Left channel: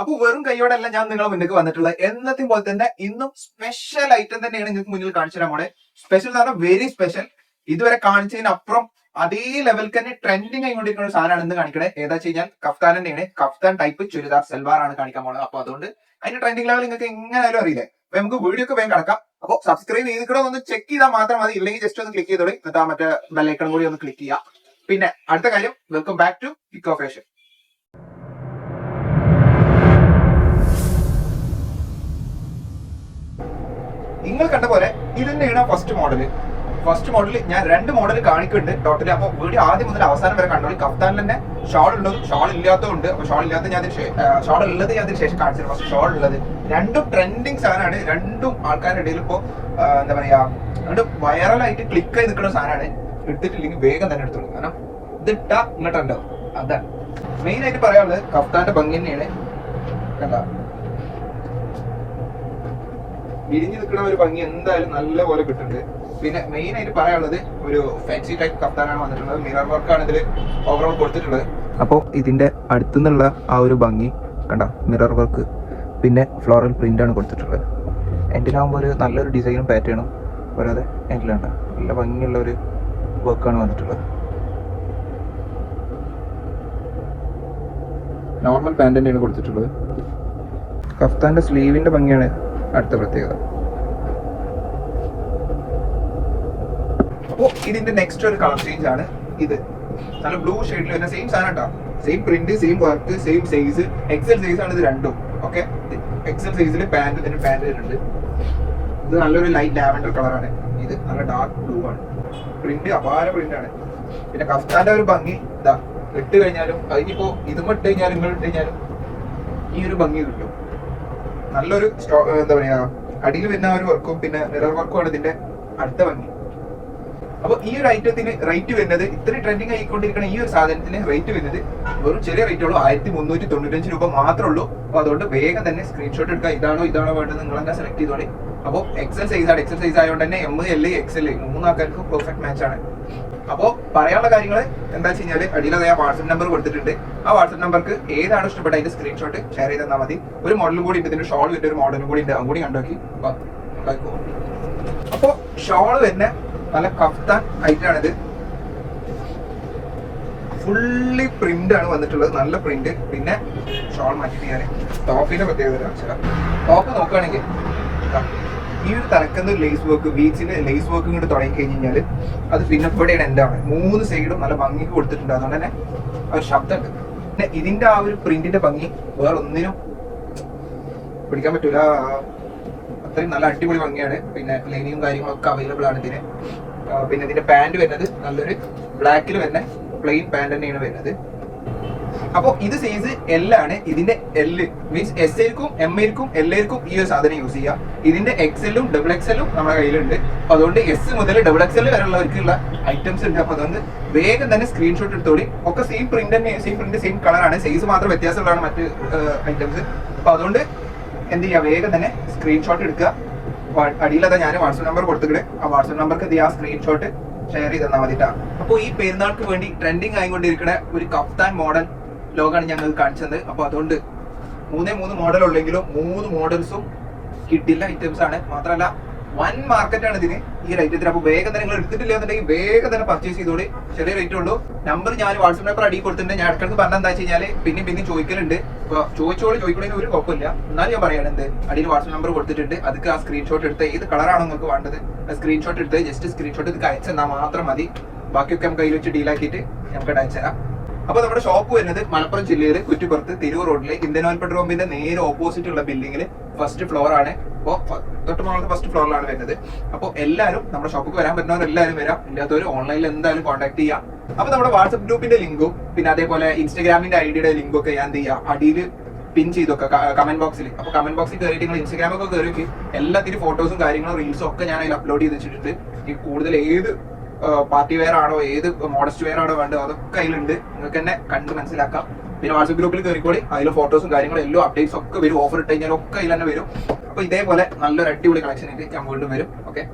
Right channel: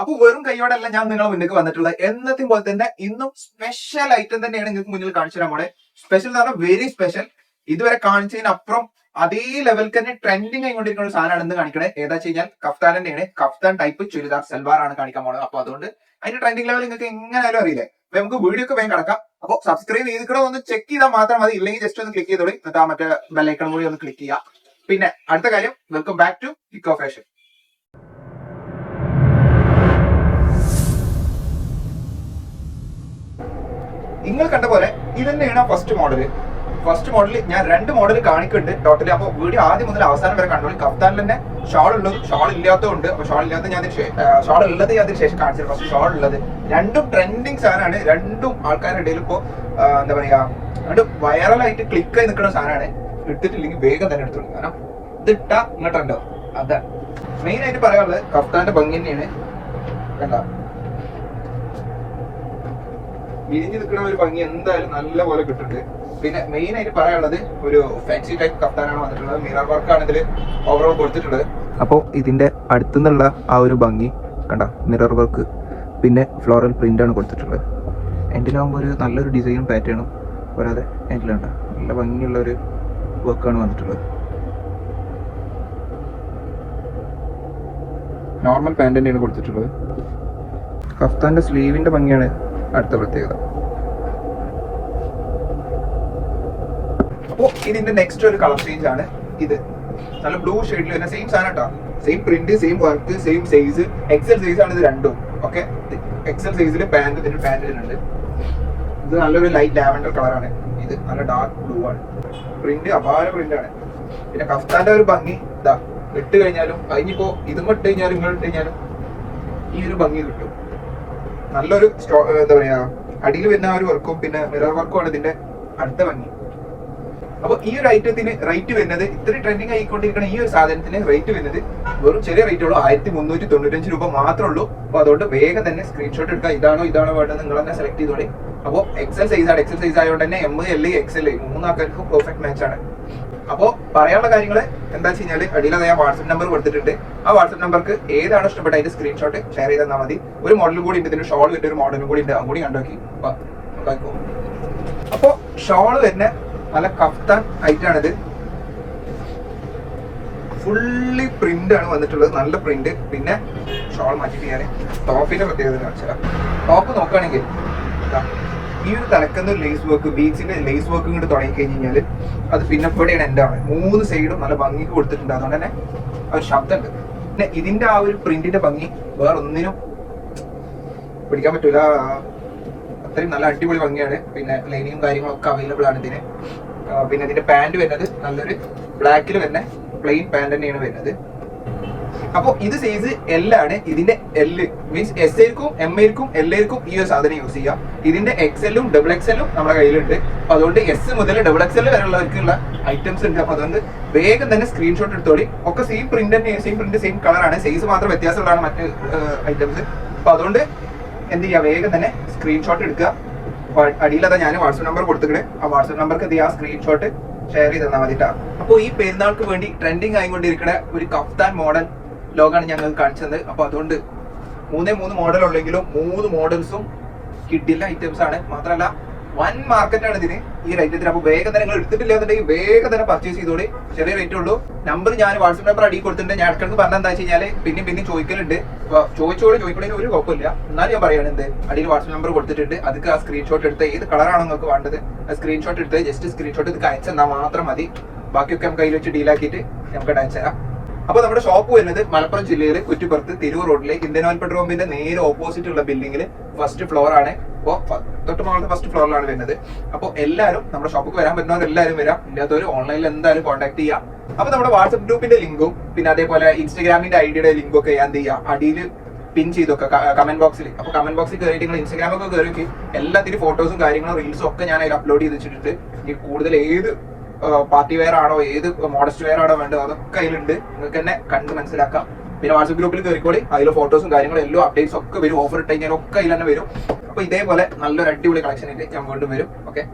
അപ്പൊ വെറും കൈയോടല്ല ഞാൻ നിങ്ങളെ മുന്നിലേക്ക് വന്നിട്ടുള്ളത്. എന്നത്തെ പോലെ തന്നെ ഇന്നും സ്പെഷ്യൽ ഐറ്റം തന്നെയാണ് നിങ്ങൾക്ക് മുന്നിൽ കാണിച്ചു തരാൻ പോണേ. സ്പെഷ്യൽ എന്ന് പറഞ്ഞാൽ വെരി സ്പെഷ്യൽ. ഇതുവരെ കാണിച്ചതിനപ്പുറം അതേ ലെവലിൽ തന്നെ ട്രെൻഡിങ് ആയിക്കൊണ്ടിരിക്കുന്ന ഒരു സാധനമാണ് ഇന്ന് കാണിക്കണേ. ഏതാ വെച്ച് കഴിഞ്ഞാൽ കഫ്താൻ തന്നെയാണ്. കഫ്താൻ ടൈപ്പ് ചുരിദാർ സൽവാർ ആണ് കാണിക്കാൻ പോകുന്നത്. അപ്പൊ അതുകൊണ്ട് അതിന്റെ ട്രെൻഡിങ് ലെവൽ നിങ്ങൾക്ക് എങ്ങനെയാലും അറിയില്ലേ. അപ്പൊ നമുക്ക് വീഡിയോ ഒക്കെ വേഗം കിടക്കാം. അപ്പൊ സബ്സ്ക്രൈബ് ചെയ്തിട്ടോ ഒന്ന് ചെക്ക് ചെയ്താൽ മാത്രം മതി. ഇല്ലെങ്കിൽ ജസ്റ്റ് ഒന്ന് ക്ലിക്ക് ചെയ്തോളി. എന്നിട്ട് ആ മറ്റേ ബെല്ലൈക്കൺ കൂടി ഒന്ന് ക്ലിക്ക് ചെയ്യാം. പിന്നെ അടുത്ത കാര്യം, welcome back to kick off fashion. നിങ്ങൾ കണ്ട പോലെ ഇത് തന്നെയാണ് ഫസ്റ്റ് മോഡൽ. ഫസ്റ്റ് മോഡൽ ഞാൻ രണ്ട് മോഡൽ കാണിക്കുന്നുണ്ട് ടോട്ടലി. അപ്പൊ വീഡിയോ ആദ്യം മുതൽ അവസാനം വരെ കണ്ടോളൂ. കഫ്താനിൽ തന്നെ ഷോൾ ഉള്ളതും ഷോൾ ഇല്ലാത്തതുണ്ട്. ഷോൾ ഇല്ലാത്ത ഞാൻ ഷോൾ ഉള്ളത് ഞാൻ അതിന് ശേഷം കാണിച്ചു. ഫസ്റ്റ് ഷോൾ ഉള്ളത് രണ്ടും ട്രെൻഡിങ് സാധനമാണ്. രണ്ടും ആൾക്കാരുടെ ഇടയിൽ ഇപ്പോ എന്താ പറയാ, രണ്ടും വൈറലായിട്ട് ക്ലിക്ക് ആയി നിൽക്കുന്ന സാധനമാണ്. എടുത്തിട്ടില്ലെങ്കിൽ വേഗം തന്നെ എടുത്തോളൂ. കാരണം ഇതിട്ട ഇങ്ങോട്ടുണ്ടോ അതാ മെയിൻ ആയിട്ട് പറയാനുള്ളത്. കഫ്താന്റെ ഭംഗി തന്നെയാണ്. കണ്ട വിരിഞ്ഞു നിൽക്കുന്ന ഒരു ഭംഗി എന്തായാലും നല്ല പോലെ കിട്ടുന്നുണ്ട്. പിന്നെ മെയിൻ ആയിട്ട് പറയാനുള്ളത് ഒരു ഫാൻസി ടൈപ്പ് കഫ്താനാണ് വന്നിട്ടുള്ളത്. മിറർ വർക്കാണ് ഇതിൽ ഓവറോൾ കൊടുത്തിട്ടുള്ളത്. അപ്പോൾ ഇതിന്റെ അടുത്തുനിന്നുള്ള ആ ഒരു ഭംഗി കണ്ട, മിറർ വർക്ക് പിന്നെ ഫ്ലോറൽ പ്രിന്റ് ആണ് കൊടുത്തിട്ടുള്ളത്. എൻഡിലാകുമ്പോൾ ഒരു നല്ലൊരു ഡിസൈനും പാറ്റേണും വരാതെ എൻഡിലുണ്ട നല്ല ഭംഗിയുള്ള ഒരു വർക്കാണ് വന്നിട്ടുള്ളത്. നോർമൽ പാന്റ് തന്നെയാണ് കൊടുത്തിട്ടുള്ളത്. കഫ്താന്റെ സ്ലീവിന്റെ ഭംഗിയാണ് അടുത്ത പ്രത്യേകത. അപ്പോ ഇതിന്റെ നെക്സ്റ്റ് ഒരു കളർ ചേഞ്ച് ആണ്. ഇത് നല്ല ബ്ലൂ ഷെയ്ഡിൽ വരുന്ന സെയിം സാധനം കേട്ടോ. Same print, same work, same size. Excel size ആണ് ഇത് രണ്ടും. ഓക്കെ, എക്സൽ സൈസിൽ പാന്റിലുണ്ട്. ഇത് നല്ലൊരു ലൈറ്റ് ലാവൻഡർ കളറാണ്. ഇത് നല്ല ഡാർക്ക് ബ്ലൂ ആണ്. പ്രിന്റ് അപാര പ്രിന്റ് ആണ്. പിന്നെ കഫ്താന്റെ ഒരു ഭംഗി ഇതാ, ഇട്ട് കഴിഞ്ഞാലും അതിനിപ്പോ ഇതും ഇട്ട് കഴിഞ്ഞാലും നിങ്ങൾ ഇട്ട് കഴിഞ്ഞാലും ഈ ഒരു ഭംഗി കിട്ടും. നല്ലൊരു എന്താ പറയാ, അടിയിൽ വരുന്ന ഒരു വർക്കും പിന്നെ മിറർ വർക്കും ആണ് ഇതിന്റെ അടുത്ത ഭംഗി. അപ്പൊ ഈ ഒരു ഐറ്റത്തിന് റേറ്റ് വരുന്നത്, ഇത്ര ട്രെൻഡിങ് ആയിക്കൊണ്ടിരിക്കുന്ന ഈ ഒരു സാധനത്തിന് റേറ്റ് വരുന്നത് വെറും ചെറിയ റേറ്റ് ഉള്ളൂ. 1395 രൂപ മാത്രമേ ഉള്ളൂ. അപ്പൊ അതുകൊണ്ട് വേഗം തന്നെ സ്ക്രീൻഷോട്ട് എടുക്കുക. ഇതാണോ വേണ്ടത് നിങ്ങൾ തന്നെ സെലക്ട് ചെയ്തോളി. അപ്പോൾ എക്സൽ സൈസ് ആണ്. എക്സൽ സൈസ് ആയതുകൊണ്ട് തന്നെ എം, എൽ, എക്സൽ മൂന്നാൾക്കാർക്കും പെർഫെക്റ്റ് മാച്ച് ആണ്. അപ്പോ പറയാനുള്ള കാര്യങ്ങൾ എന്താ വെച്ച് കഴിഞ്ഞാൽ അടിയിൽ ഞാൻ വാട്സ്ആപ്പ് നമ്പർ കൊടുത്തിട്ടുണ്ട്. ആ വാട്സ്ആപ്പ് നമ്പർക്ക് ഏതാണ് ഇഷ്ടപ്പെട്ട അതിന്റെ സ്ക്രീൻഷോട്ട് ഷെയർ ചെയ്ത് തന്നാൽ മതി. ഒരു മോഡലും കൂടി ഉണ്ട്, ഇതിന്റെ ഷോൾ വിട്ട് ഒരു മോഡലും കൂടി ഉണ്ട്. അതും കൂടി കണ്ടോക്കി. അപ്പോ ഷോൾ വരുന്ന നല്ല കഫ്താൻ ഐറ്റാണിത്. ഫുള്ളി പ്രിന്റ് ആണ് വന്നിട്ടുള്ളത്, നല്ല പ്രിന്റ്. പിന്നെ ഷോൾ മാറ്റി ചെയ്യാൻ ടോപ്പിന്റെ പ്രത്യേകത കാണിച്ചാൽ, ടോപ്പ് നോക്കുകയാണെങ്കിൽ ഈ ഒരു തലക്കുന്ന ലേസ് വർക്ക്, ബീച്ചിന്റെ ലേസ് വർക്ക് ഇങ്ങോട്ട് തുടങ്ങി കഴിഞ്ഞാൽ അത് പിന്നെ ഇവിടെയാണ് എൻഡാണ്. 3 സൈഡും നല്ല ഭംഗിക്ക് കൊടുത്തിട്ടുണ്ട്. അതുകൊണ്ട് തന്നെ ഒരു ശബ്ദമുണ്ട്. പിന്നെ ഇതിന്റെ ആ ഒരു പ്രിന്റിന്റെ ഭംഗി വേറെ ഒന്നിനും പിടിക്കാൻ പറ്റൂല. അത്രയും നല്ല അടിപൊളി ഭംഗിയാണ്. പിന്നെ ലൈനിങ്ങും കാര്യങ്ങളൊക്കെ അവൈലബിൾ ആണ് ഇതിന്. പിന്നെ ഇതിന്റെ പാന്റ് വരുന്നത് നല്ലൊരു ബ്ലാക്കിൽ വരുന്ന പ്ലെയിൻ പാന്റ് തന്നെയാണ് വരുന്നത്. അപ്പൊ ഇത് സൈസ് എൽ ആണ്. ഇതിന്റെ എൽ മീൻസ് എസ് എൽക്കും എം എൽക്കും എൽ എൽക്കും ഈ ഒരു സാധനം യൂസ് ചെയ്യാം. ഇതിന്റെ എക്സലും ഡബിൾ എക്സലും നമ്മുടെ കയ്യിലുണ്ട്. അപ്പൊ അതുകൊണ്ട് എസ് മുതൽ ഡബിൾ എക്സൽ വരെയുള്ളവർക്കുള്ള ഐറ്റംസ് ഉണ്ട്. അപ്പൊ അതുകൊണ്ട് വേഗം തന്നെ സ്ക്രീൻഷോട്ട് എടുത്തോളി. ഒക്കെ സെയിം പ്രിന്റ് തന്നെ, സെയിം പ്രിന്റ് സെയിം കളറാണ്. സൈസ് മാത്രം വ്യത്യാസമുള്ളതാണ് മറ്റ് ഐറ്റംസ്. അപ്പൊ അതുകൊണ്ട് എന്ത് ചെയ്യുക, വേഗം തന്നെ സ്ക്രീൻഷോട്ട് എടുക്കുക. അടിയിലതാ ഞാൻ വാട്സ്ആപ്പ് നമ്പർ കൊടുത്തിട്ട് ആ വാട്സ്ആപ്പ് നമ്പർക്ക് ആ സ്ക്രീൻഷോട്ട് ഷെയർ ചെയ്ത് തന്നാൽ മതിട്ടാ. അപ്പോൾ ഈ പെരുന്നാൾക്ക് വേണ്ടി ട്രെൻഡിങ് ആയിക്കൊണ്ടിരിക്കുന്ന ഒരു കഫ്താൻ മോഡൽ ലോഗാണ് ഞങ്ങൾ കാണിച്ചത്. അപ്പൊ അതുകൊണ്ട് 3 മോഡൽ ഉള്ളെങ്കിലും 3 മോഡൽസും കിട്ടില്ല ഐറ്റംസ് ആണ്. മാത്രമല്ല വൻ മാർക്കറ്റാണ് ഇതിന് ഈ റേറ്റത്തിന്. അപ്പൊ വേഗം തന്നെ നിങ്ങൾ എടുത്തിട്ടില്ല എന്നുണ്ടെങ്കിൽ വേഗം തന്നെ പർച്ചേസ് ചെയ്തോളി. ചെറിയ റേറ്റ് ഉള്ളൂ. നമ്പർ ഞാൻ വാട്സ്ആപ്പ് നമ്പർ അടിയിൽ കൊടുത്തിട്ടുണ്ട്. ഞാൻ ഇടയ്ക്ക് പറഞ്ഞത് എന്താ വെച്ച് കഴിഞ്ഞാൽ പിന്നെ ചോദിക്കലുണ്ട്. അപ്പൊ ചോദിക്കണതിന് ഒരു കുഴപ്പമില്ല. എന്നാലും ഞാൻ പറയണത് അടിയിൽ വാട്സ്ആപ്പ് നമ്പർ കൊടുത്തിട്ടുണ്ട്. അതൊക്കെ ആ സ്ക്രീൻഷോട്ട് എടുത്ത് ഏത് കളറാണോ നിങ്ങൾക്ക് വേണ്ടത് ആ സ്ക്രീൻഷോട്ട് എടുത്ത് ജസ്റ്റ് സ്ക്രീൻഷോട്ട് ഇത് അയച്ചു തന്നാൽ മാത്രം മതി. ബാക്കിയൊക്കെ നമുക്ക് കയ്യിൽ വെച്ച് ഡീലാക്കിയിട്ട് നമുക്ക് അയച്ചു തരാം. അപ്പൊ നമ്മുടെ ഷോപ്പ് വരുന്നത് മലപ്പുറം ജില്ലയിലെ കുറ്റിപ്പുറത്ത് തിരൂർ റോഡിലെ ഇന്ത്യൻ ഓയിൽ പെട്രോൾ പമ്പിന്റെ നേരെ ഓപ്പോസിറ്റ് ഉള്ള ബിൽഡിംഗിൽ ഫസ്റ്റ് ഫ്ലോർ ആണ്. അപ്പോൾ തൊട്ട് മുകളിൽ ഫസ്റ്റ് ഫ്ലോറിലാണ് വരുന്നത്. അപ്പോൾ എല്ലാവരും നമ്മുടെ ഷോപ്പിൽ വരാൻ പറ്റുന്നവർ എല്ലാവരും വരാം. ഇല്ലാത്തവർ ഓൺലൈനിൽ എന്തായാലും കോൺടാക്ട് ചെയ്യാം. അപ്പൊ നമ്മുടെ വാട്സ്ആപ്പ് ഗ്രൂപ്പിന്റെ ലിങ്കും പിന്നെ അതേപോലെ ഇൻസ്റ്റാഗ്രാമിന്റെ ഐഡിയുടെ ലിങ്കും ഒക്കെ ഞാൻ എന്ത് ചെയ്യാം അടിയിൽ പിൻ ചെയ്തൊക്കെ കമന്റ് ബോക്സിൽ. അപ്പൊ കമന്റ് ബോക്സിൽ കയറിയിട്ട് നിങ്ങൾ ഇൻസ്റ്റാഗ്രാമൊക്കെ കയറി എല്ലാത്തിനും ഫോട്ടോസും കാര്യങ്ങളും റീൽസും ഒക്കെ ഞാൻ അതിൽ അപ്ലോഡ് ചെയ്ത് വെച്ചിട്ടുണ്ട്. ഈ കൂടുതൽ ഏത് പാർട്ടി വെയർ ആണോ ഏത് മോഡസ്റ്റ് വെയർ ആണോ വേണ്ടത് അതൊക്കെ അതിലുണ്ട്. നിങ്ങൾക്ക് തന്നെ കണ്ട് മനസ്സിലാക്കാം. പിന്നെ വാട്സ്ആപ്പ് ഗ്രൂപ്പിൽ കയറിക്കോളി. അതിൽ ഫോട്ടോസും കാര്യങ്ങളും എല്ലാം അപ്ഡേറ്റ്സ് ഒക്കെ വരും. ഓഫർ ഇട്ട് കഴിഞ്ഞാൽ ഒക്കെ അതിൽ തന്നെ വരും. അപ്പൊ ഇതേപോലെ നല്ലൊരു അടിപൊളി കളക്ഷൻ ഉണ്ട്. ഞാൻ വീണ്ടും വരും. ഓക്കെ.